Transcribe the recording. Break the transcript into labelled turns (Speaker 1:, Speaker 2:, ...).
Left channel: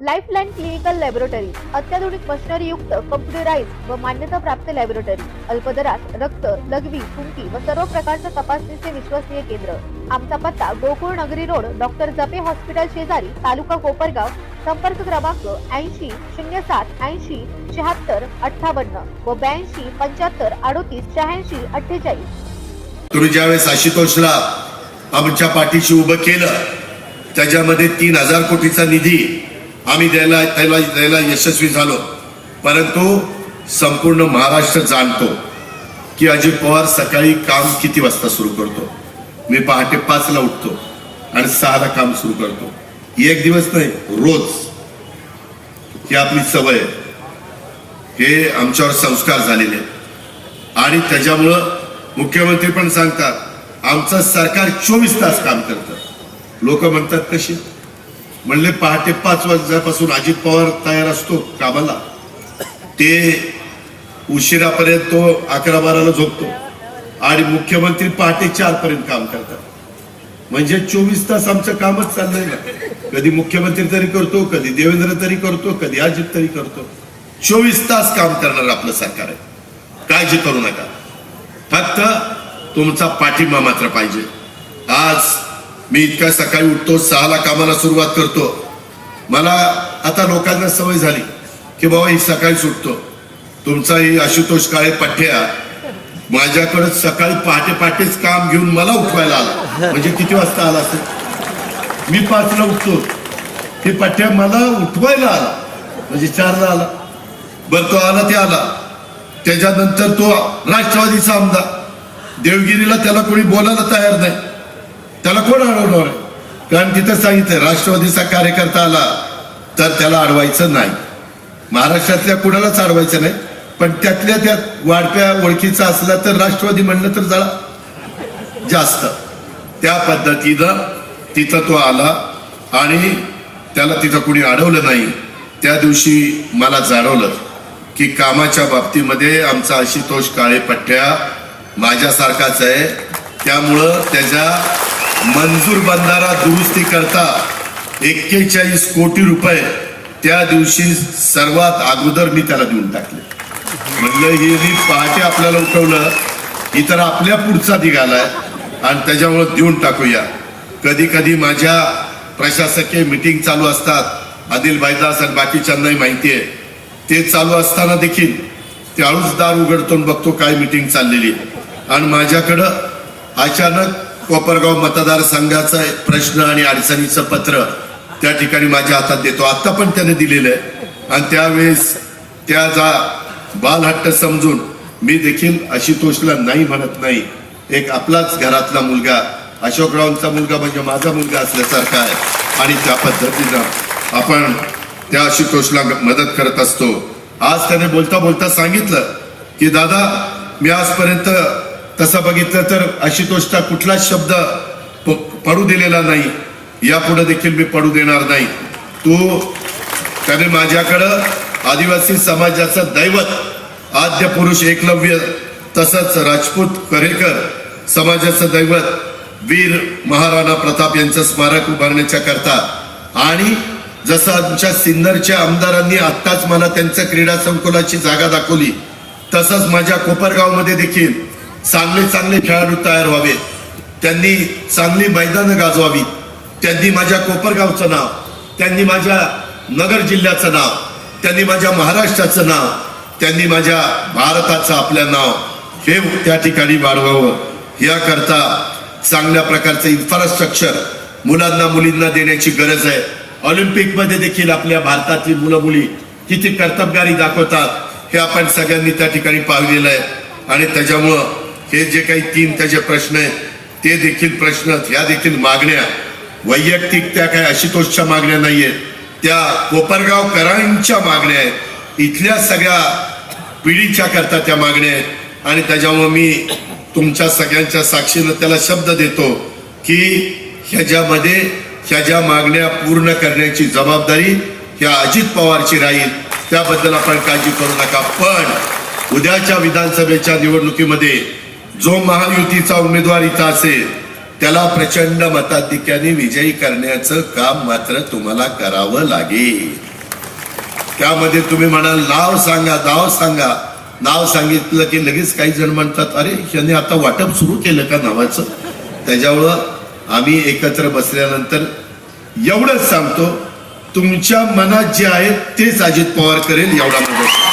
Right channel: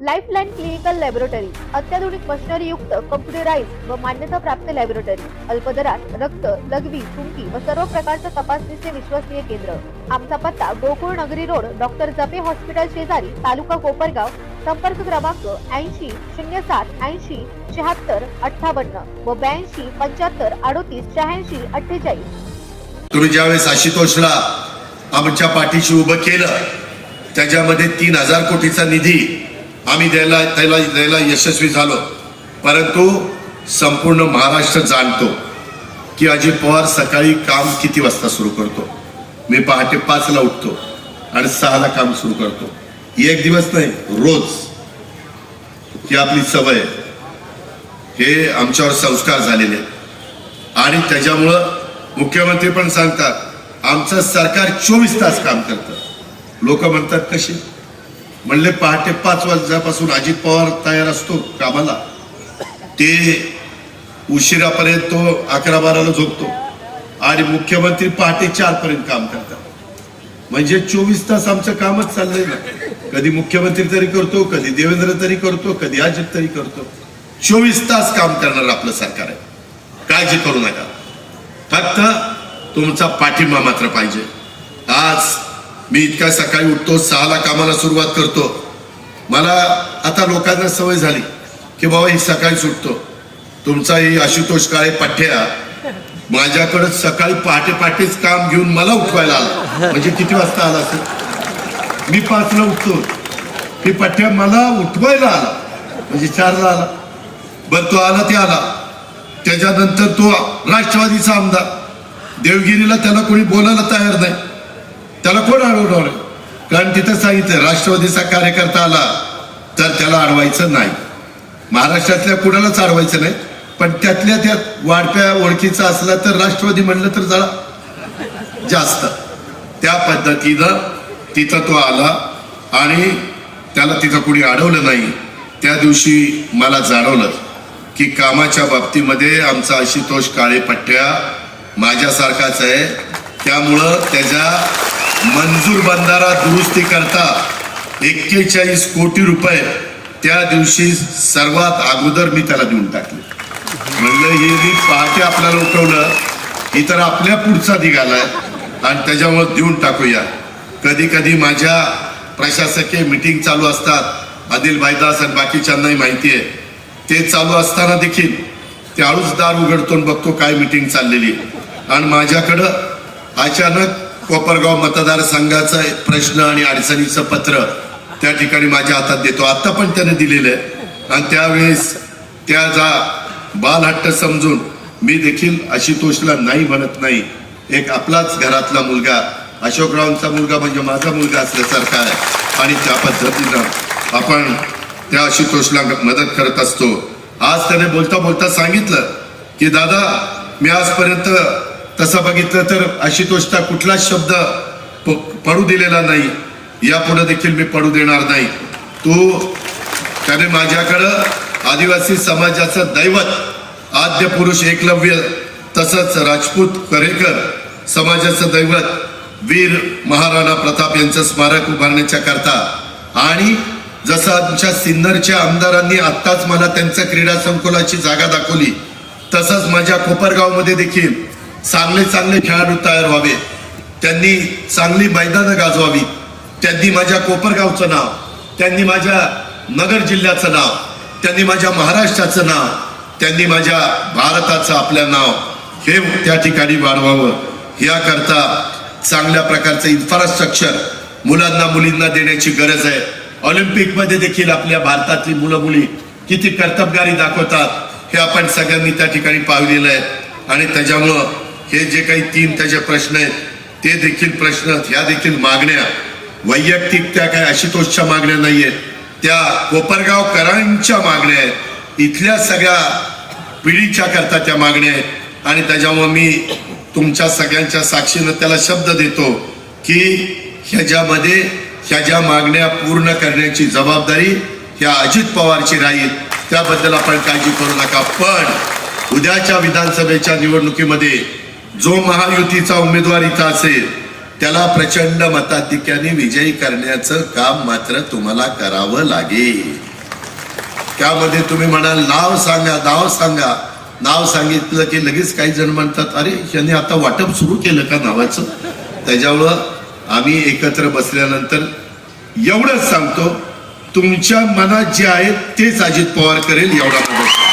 Speaker 1: Lifeline clinical laboratory अत्याधुनिक machinery युक्त computerise व मान्यता प्राप्त लॅबोरेटरी अल्पदरात रक्त लघवी थुंकी व सर्व प्रकारच्या तपासणीचे विश्वसनीय केंद्र. आमचा पत्ता गोकुळ नगरी रोड डॉक्टर जपे हॉस्पिटल शेजारी तालुका कोपरगाव संपर्क क्रमांक ऐंशी शून्य सात ऐंशी शहात्तर अठ्ठावन्न व ब्याऐंशी पंच्याहत्तर अडोतीस शहाऐंशी अठ्ठेचाळीस.
Speaker 2: तुम्ही ज्यावेळेस आशुतोषला आमच्या पाठीशी उभं केलं त्याच्यामध्ये तीन हजार कोटीचा निधी आम्ही द्यायला त्याला द्यायला यशस्वी झालो. परंतु संपूर्ण महाराष्ट्र जाणतो की अजित पवार सकाळी काम किती वाजता सुरू करतो? मी पहाटे पाचला उठतो आणि सहाला काम सुरू करतो. एक दिवस नाही रोज. ही आपली सवय आहे. हे आमच्यावर संस्कार झालेले आणि त्याच्यामुळं मुख्यमंत्री पण सांगतात आमचं सरकार चोवीस तास काम करतं. लोक म्हणतात कशी? म्हणले पहाटे पाच वाजल्यापासून अजित पवार तयार असतो कामाला. ते उशिरापर्यंत तो अकरा बाराला झोपतो. आणि मुख्यमंत्री पहाटे चार पर्यंत काम करतात. म्हणजे चोवीस तास आमचं कामच चाललंय ना. कधी मुख्यमंत्री तरी करतो कधी देवेंद्र तरी करतो कधी अजित तरी करतो. चोवीस तास काम करणार आपलं सरकार आहे. काळजी करू नका. फक्त तुमचा पाठिंबा मात्र पाहिजे. आज मी इतक्या सकाळी उठतो सहाला कामाला सुरुवात करतो. मला आता लोकांना सवय झाली की बाबा ही सकाळी सुटतो. तुमचा ही आशुतोष काळे पठ्या माझ्याकडे सकाळी पहाटे पहाटेच काम घेऊन मला उठवायला आला. म्हणजे किती वाजता आला असेल? मी पाचला उठतो. ही पठ्या मला उठवायला आला. म्हणजे चारला आला. बर तो आला ते आला. त्याच्यानंतर तो राष्ट्रवादीचा आमदार. देवगिरीला त्याला कोणी बोलायला तयार नाही. त्याला कोण अडवणार कारण तिथं सांगितलं राष्ट्रवादीचा कार्यकर्ता आला तर त्याला अडवायचं नाही. महाराष्ट्रातल्या कुणालाच अडवायचं नाही पण त्यातल्या त्यात वाढप्या ओळखीचा असला तर राष्ट्रवादी म्हणलं तर जरा जास्त. त्या पद्धतीनं तिथं तो आला आणि त्याला तिथं कुणी अडवलं नाही. त्या दिवशी मला जाणवलं की कामाच्या बाबतीमध्ये आमचा आशुतोष काळे पट्ट्या माझ्यासारखाच आहे. त्यामुळं त्याच्या मंजूर बंधारा दुरुस्ती करता एक्केचाळीस कोटी रुपये त्या दिवशी सर्वात अगोदर मी त्याला देऊन टाकले. म्हणजे हे मी पहाटे आपल्याला उठवलं ही तर आपल्या पुढचा निघालाय आणि त्याच्यावर देऊन टाकूया. कधी कधी माझ्या प्रशासकीय मिटिंग चालू असतात आदिल भाईदास आणि बाकीच्यांनाही माहिती आहे. ते चालू असताना देखील ते दार उघडतो आणि बघतो काय मिटिंग चाललेली आहे. आणि माझ्याकडं अचानक कोपरगाव मतदारसंघाचा एक प्रश्न आणि अडचणीचं पत्र त्या ठिकाणी माझ्या हातात देतो. आता पण त्याने दिलेलं आहे. आणि त्यावेळेस त्या जा बालहट्ट समजून मी देखील आशुतोषला नाही म्हणत नाही. एक आपलाच घरातला मुलगा अशोकरावांचा मुलगा म्हणजे माझा मुलगा असल्यासारखा आहे. आणि त्या पद्धतीनं आपण त्या आशुतोषला मदत करत असतो. आज त्याने बोलता बोलता सांगितलं की दादा मी आजपर्यंत तसं बघितलं तर आशुतोषचा कुठलाच शब्द प- पडू दिलेला नाही. यापुढे देखील मी पडू देणार नाही. तो त्याने माझ्याकडं आदिवासी समाजाचं दैवत आद्य पुरुष एकलव्य तसंच राजपूत करेकर समाजाचं दैवत वीर महाराणा प्रताप यांचं स्मारक उभारण्याच्या करता. आणि जसं आमच्या सिन्नरच्या आमदारांनी आत्ताच मला त्यांच्या क्रीडा संकुलाची जागा दाखवली तसंच माझ्या कोपरगावमध्ये देखील चांगले चांगले खेळाडू तयार व्हावे त्यांनी चांगली मैदानं गाजवावी त्यांनी माझ्या कोपरगावचं नाव त्यांनी माझ्या नगर जिल्ह्याचं नाव त्यांनी माझ्या महाराष्ट्राचं नाव त्यांनी माझ्या भारताचं आपलं नाव हे त्या ठिकाणी वाढवावं. याकरता चांगल्या प्रकारचं इन्फ्रास्ट्रक्चर मुलांना मुलींना देण्याची गरज आहे. ऑलिम्पिकमध्ये देखील आपल्या भारतातली मुलं मुली किती कर्तबगारी दाखवतात हे आपण सगळ्यांनी त्या ठिकाणी पाहिलेलं आहे. आणि त्याच्यामुळं हे जे काही तीन त्याचे प्रश्न आहेत ते देखील प्रश्न या देखील मागण्या. वैयक्तिक त्या काय आशुतोषच्या मागण्या नाहीयेत. त्या कोपरगावकरांच्या मागण्या आहेत. इथल्या सगळ्या पिढीच्या करता त्या मागण्या आहेत. आणि त्याच्यामुळे मी तुमच्या सगळ्यांच्या साक्षीनं त्याला शब्द देतो की ह्याच्यामध्ये ह्या ज्या मागण्या पूर्ण करण्याची जबाबदारी ह्या अजित पवारची राहील. त्याबद्दल आपण काळजी करू नका. पण उद्याच्या विधानसभेच्या निवडणुकीमध्ये जो महायुतीचा उमेदवार इथं असेल त्याला प्रचंड मताधिक्याने विजयी करण्याचं काम मात्र तुम्हाला करावं लागेल. त्यामध्ये तुम्ही म्हणाल नाव सांगा नाव सांगा. नाव सांगितलं की लगेच काही जण म्हणतात अरे यांनी आता वाटप सुरू केलं का नावाचं? त्याच्यामुळं आम्ही एकत्र बसल्यानंतर एवढंच सांगतो तुमच्या मनात जे आहे तेच अजित पवार करेल एवढा मदत